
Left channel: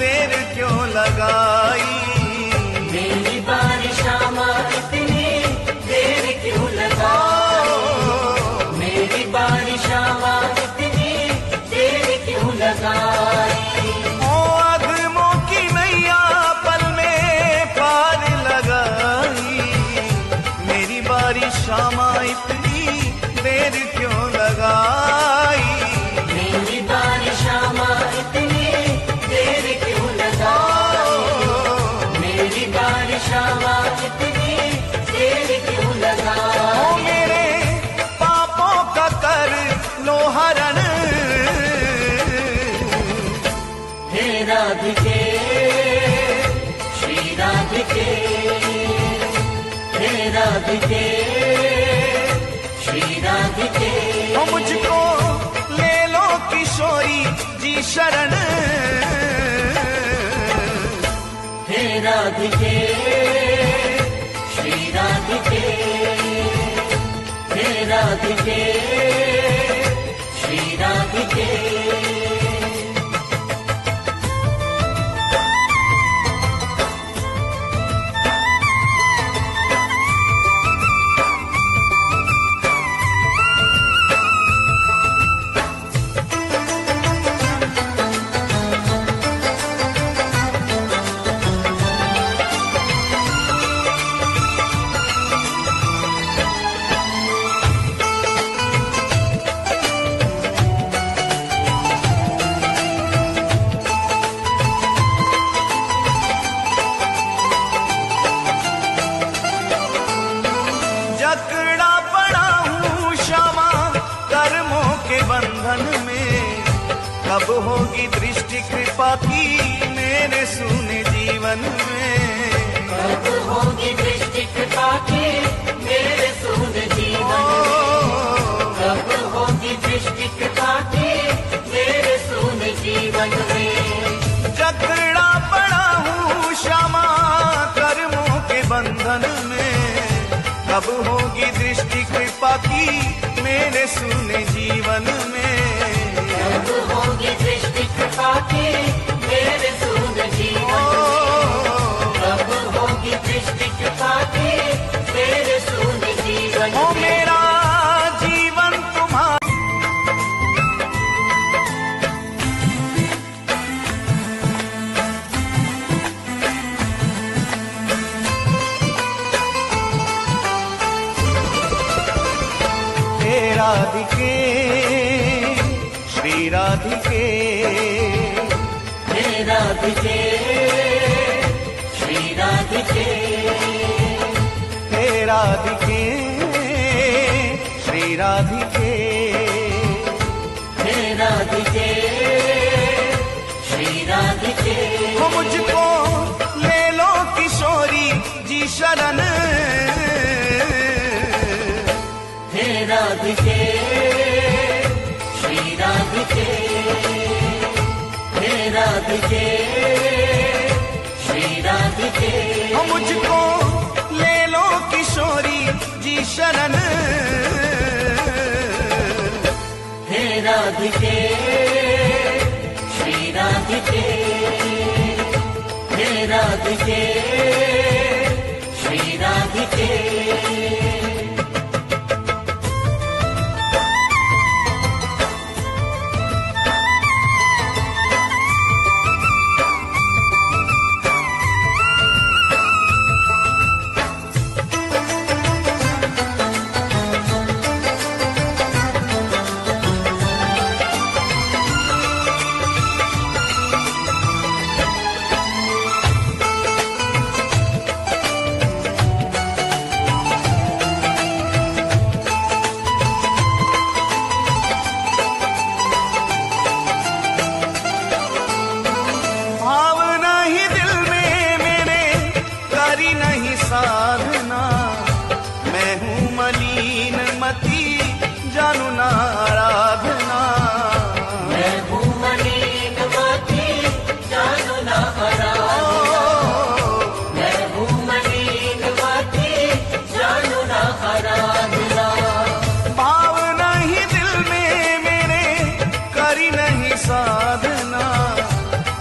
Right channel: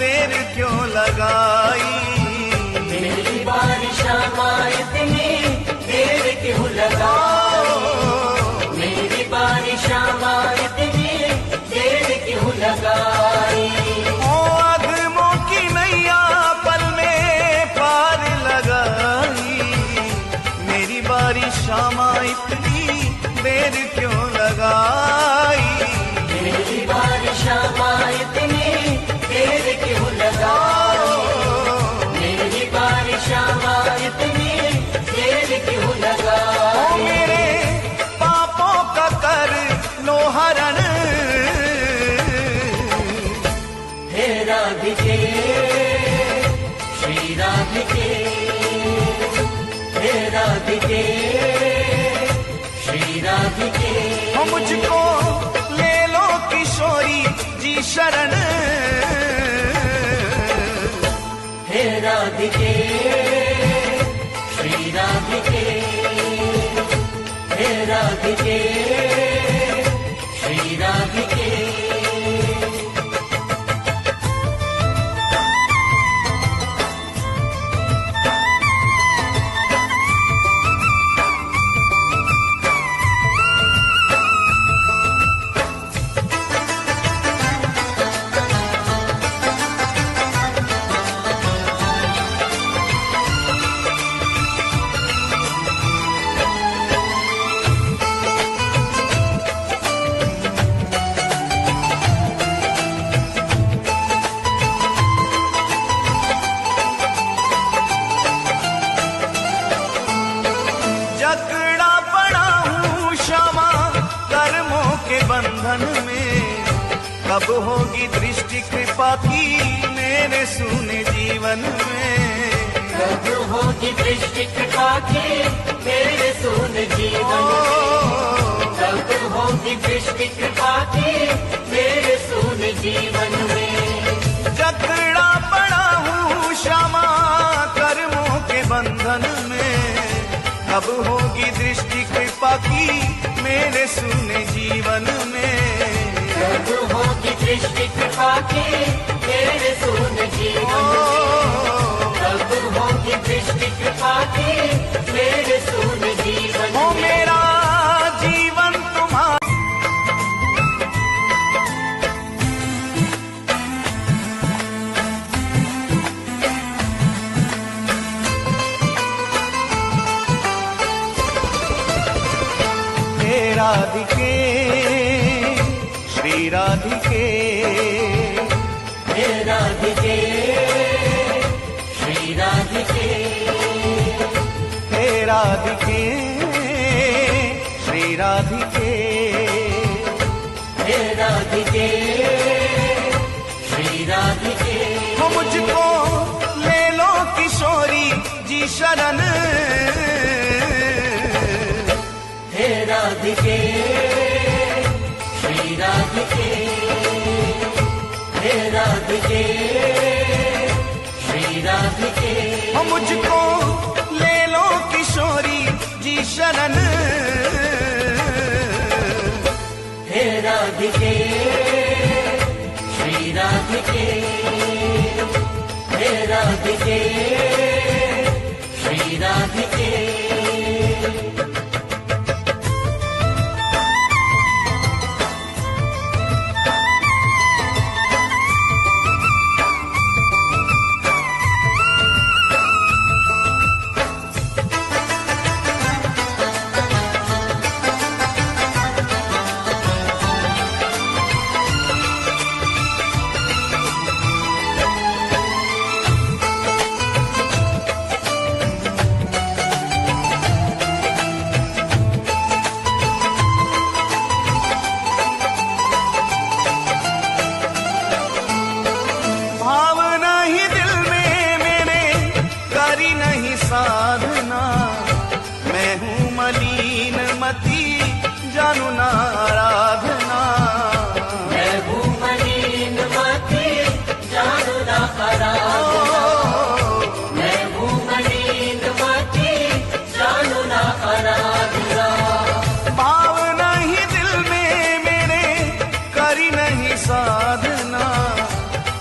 देर क्यों लगाई। मेरी बारी शामा इतनी देर क्यों लगाई, मेरी बारी शामा इतनी देर क्यों लगाई। ओ किशोरी जी शरण। हे राधिके श्री राधिके, हे राधिके श्री राधिके। जकड़ा पड़ा हूँ क्षमा कर्मों के बंधन में, कब होगी दृष्टि कृपा की मेरे सूने जीवन में। कब होगी दृष्टि कृपा की मेरे सूने जीवन में, कब होगी दृष्टि कृपा की मेरे सूने जीवन में। जकड़ा पड़ा हूँ क्षमा कर्मों के बंधन में, कब होगी दृष्टि कृपा की मेरे सूने जीवन में। कब होगी दृष्टि कृपा की मेरे सूने जीवन में, कब होगी दृष्टि कृपा की मेरे सूने जीवन में। हो मेरा जीवन तुम्हारा हे राधिके श्री राधिके, हे राधिके श्री राधिके, हे राधिके श्री राधिके, हे राधिके श्री राधिके। हो मुझको ले लो किशोरी जी शरण। हे राधिके श्री राधिके, हे राधिके श्री राधिके। हो मुझको ले लो किशोरी जी शरण। हे राधिके श्री राधिके, हे राधिके श्री राधिके। भावना ही दिल में मेरे करी नहीं साधना, मैं हूँ मलिन मती जानू ना आराधना। मैं हूँ मलिन मती जानू ना आराधना, मैं हूँ मलिन मती जानू ना आराधना। भावना ही दिल में मेरे करी नहीं साधना,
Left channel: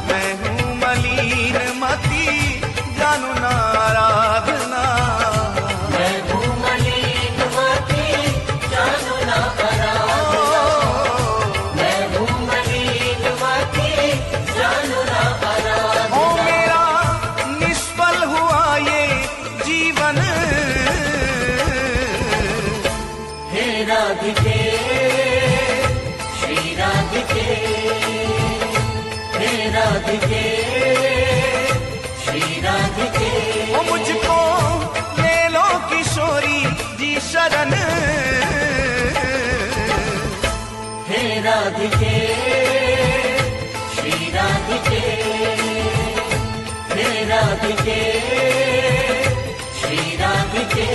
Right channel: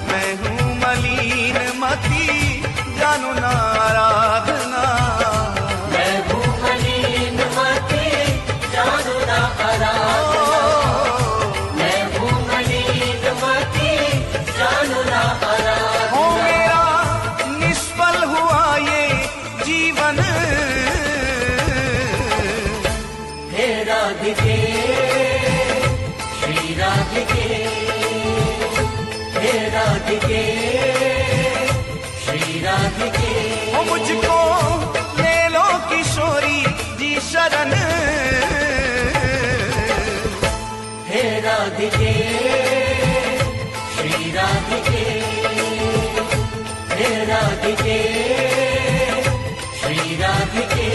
मैं हूँ मलिन मती जानू ना आराधना। मैं हूँ मलिन मती जानू ना आराधना, मैं हूँ मलिन मती जानू ना आराधना। हो मेरा निष्फल हुआ ये जीवन। हे राधिके श्री राधिके, हे राधिके श्री राधिके। हो मुझको ले लो किशोरी जी शरण। हे राधिके श्री राधिके, हे राधिके श्री राधिके।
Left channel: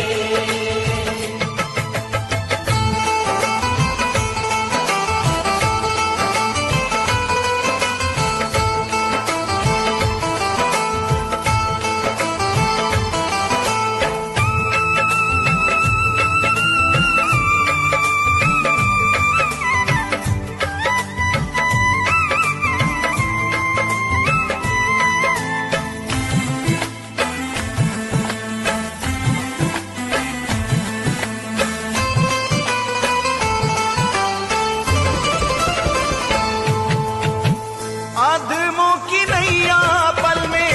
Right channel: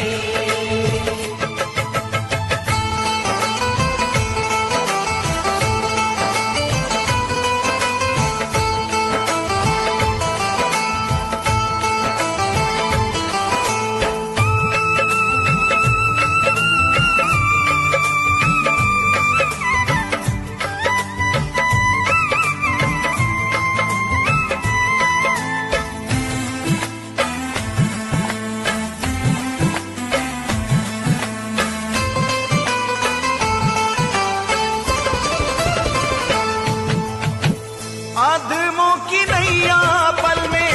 नैया पल में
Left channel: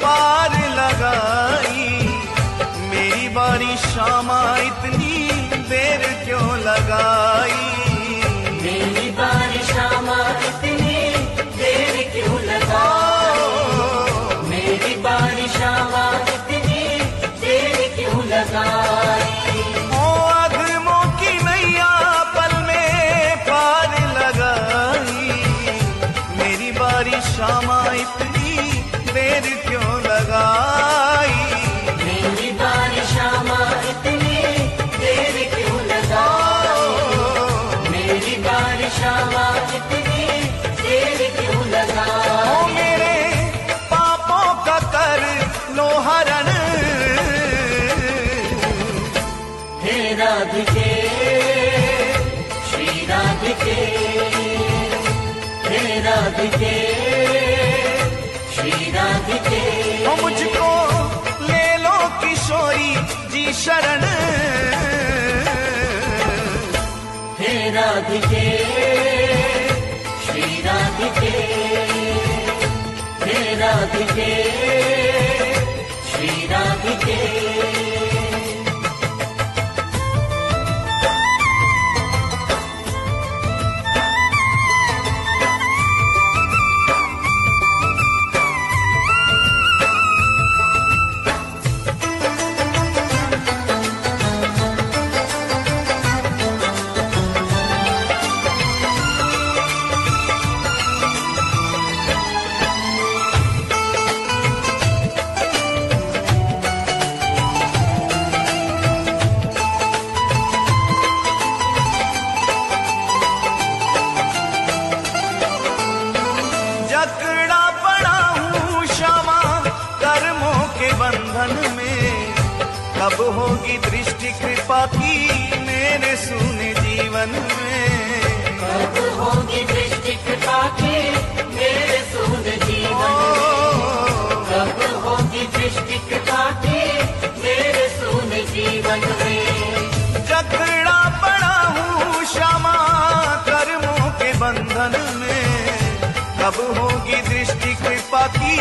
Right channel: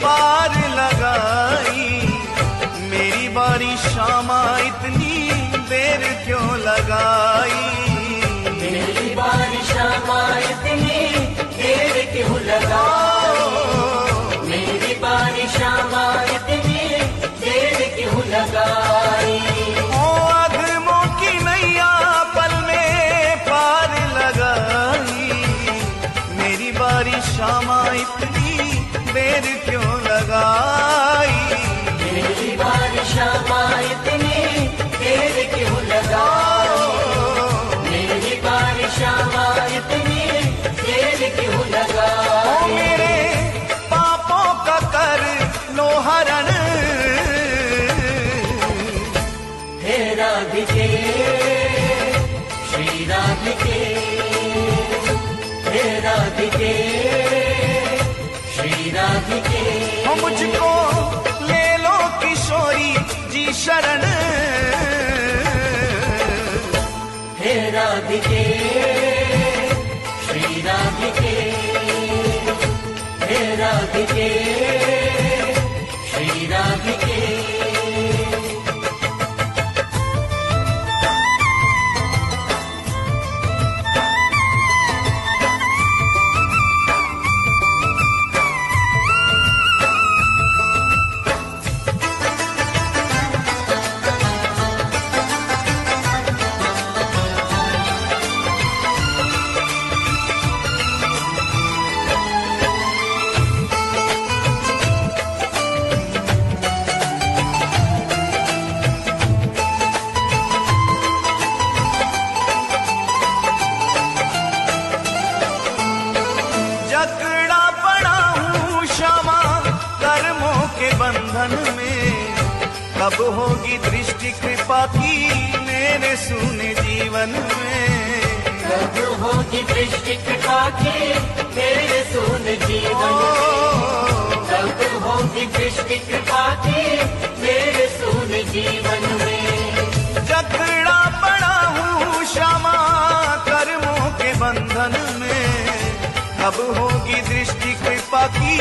पार लगाई, मेरी बारी शामा इतनी देर क्यों लगाई, मेरी बारी शामा इतनी देर क्यों लगाई, मेरी बारी शामा इतनी देर क्यों लगाई। ओ अधमों की नैया पल में पार लगाई, मेरी बारी शामा इतनी देर क्यों लगाई, मेरी बारी शामा इतनी देर क्यों लगाई, मेरी बारी शामा इतनी देर क्यों लगाई। ओ मेरे पापों का कर लो हरण, हे राधिके श्री राधिके, हे राधिके श्री राधिके। ओ मुझको ले लो किशोरी जी शरण, हे राधिके श्री राधिके, हे राधिके श्री राधिके। जकड़ा पड़ा हूँ क्षमा कर्मों के बंधन में, कब होगी दृष्टि कृपा की मेरे सूने जीवन में, कब होगी दृष्टि कृपा की मेरे सूने जीवन में, कब होगी दृष्टि कृपा की मेरे सूने जीवन में। जकड़ा पड़ा हूँ क्षमा कर्मों के बंधन में, कब होगी दृष्टि कृपा की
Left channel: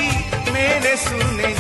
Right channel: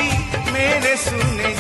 मेरे सूने